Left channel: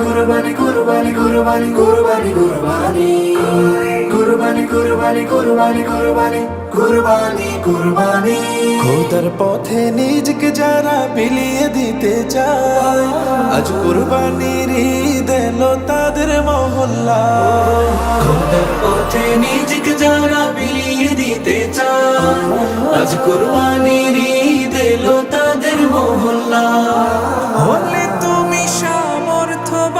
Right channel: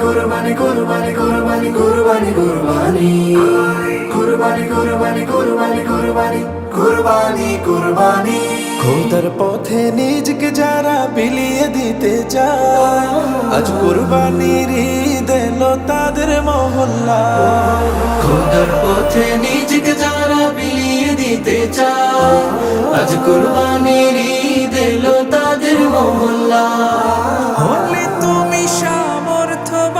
কুরবানি কুরবানি কুরবানি কুরবানি কুরবানি কুরবানি কুরবানি কুরবানি কুরবানি কুরবানি কুরবানি খোদার পথে নিজকে যারা বিলিয়ে দিতে চায়, আজ কুরবানির ঈদ এলো তাদের মহল্লায়। খোদার পথে নিজকে যারা বিলিয়ে দিতে চায়, আজ কুরবানির ঈদ এলো তাদের মহল্লায়। হলে তুমি সামর্থ্যবান,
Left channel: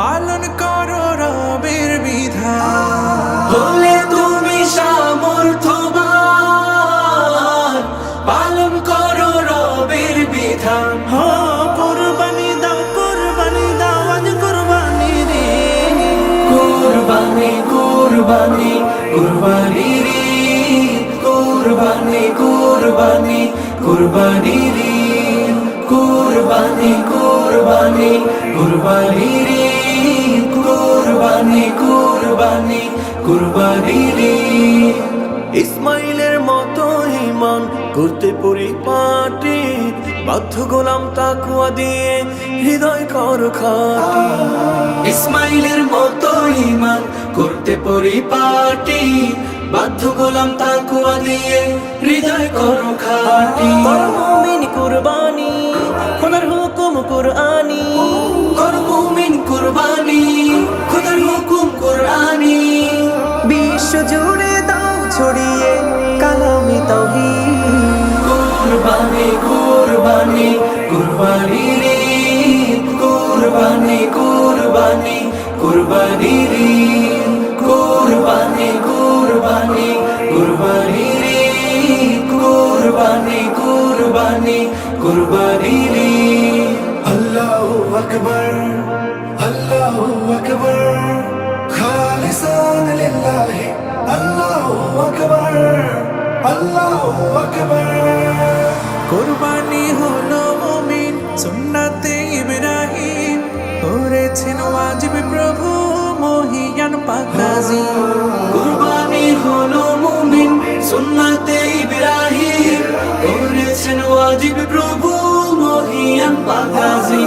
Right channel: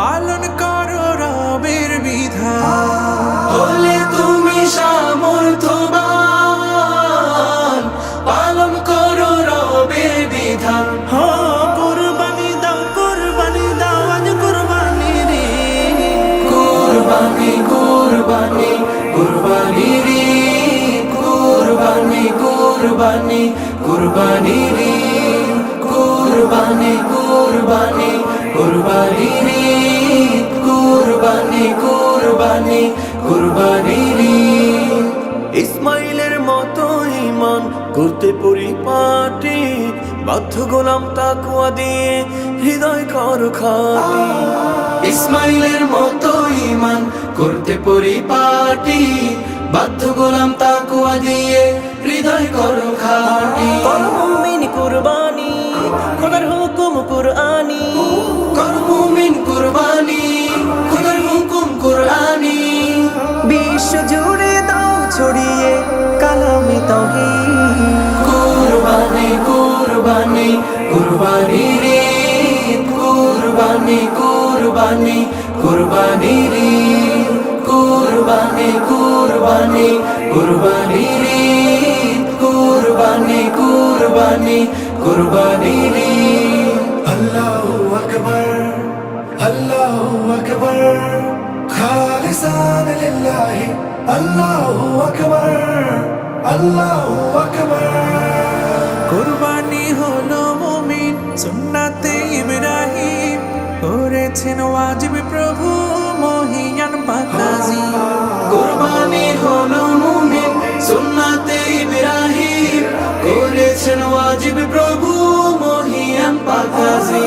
পালন করো রবের বিধান। হলে তুমি সামর্থ্যবান, পালন করো রবের বিধান। কুরবানি দাও আজ কুরবানি রে। কুরবানি কুরবানি কুরবানি রে, কুরবানি কুরবানি কুরবানি রে, কুরবানি কুরবানি কুরবানি রে, কুরবানি কুরবানি কুরবানি রে। ইসমাইলের মতো ঈমান করতে পরিপাটি, বাধ্য গোলাম তাকওয়া দিয়ে হৃদয় কর খাটি। ইসমাইলের মতো ঈমান করতে পরিপাটি, বাধ্য গোলাম তাকওয়া দিয়ে হৃদয় করো খাটি। কর মুমিন কুরবানি, খোদার হুকুম কুরআনি। কর মুমিন কুরবানি, খোদার হুকুম কুরআনি। বিশ্ব জুড়ে দাও ছড়িয়ে কালামে তাওহীদ। কুরবানি কুরবানি কুরবানি রে, কুরবানি কুরবানি কুরবানি রে, কুরবানি কুরবানি কুরবানি রে, কুরবানি কুরবানি কুরবানি রে। আল্লাহু আকবার আল্লাহু আকবার খালিসান লিল্লাহি আল্লাহু আকবার আল্লাহু আকবার। কুরবানি হলো মুমিন সুন্নাতে ইব্রাহিম, করেছেন ওয়াজিব প্রভু মহিয়ান পাকাজি। কুরবানি হলো মুমিন সুন্নাতে ইব্রাহিম, করেছেন ওয়াজিব প্রভু মহিয়ান পাকাজি।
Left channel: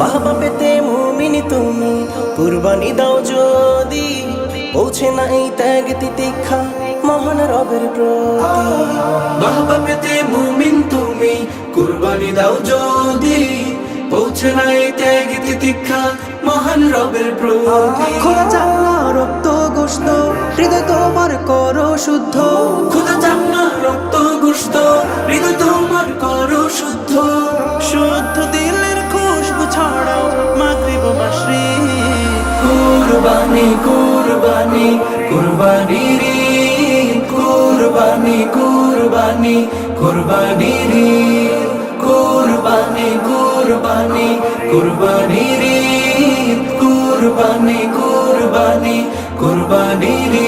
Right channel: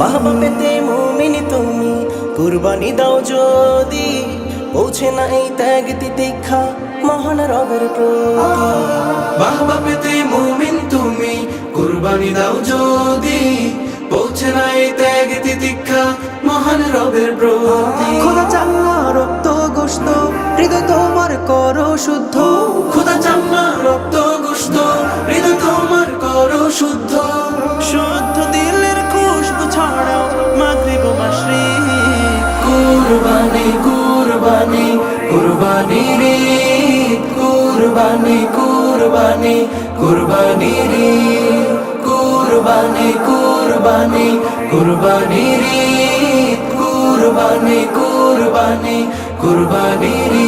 বাবা পেতে মুমিন তুমি কুরবানি দাও যদি, পৌঁছে না এই ত্যাগ তিতিক্ষা মহান রবের প্রতি। বাহবা পেতে মুমিন তুমি কুরবানি দাও যদি, পৌঁছে নাই ত্যাগ তিতিক্ষা মহান রবের প্রতি। খোদা চাল্লা রক্ত গোশত হৃদয় তোমার করো শুদ্ধ। খোদা চাম্মা রক্ত গোশত হৃদয় তোমার করো শুদ্ধ। শুদ্ধ দিলের খুশবু ছড়াও মাগরিব মাশরিক। কুরবানি কুরবানি কুরবানি রে, কুরবানি কুরবানি কুরবানি রে, কুরবানি কুরবানি কুরবানি রে, কুরবানি কুরবানি কুরবানি রে।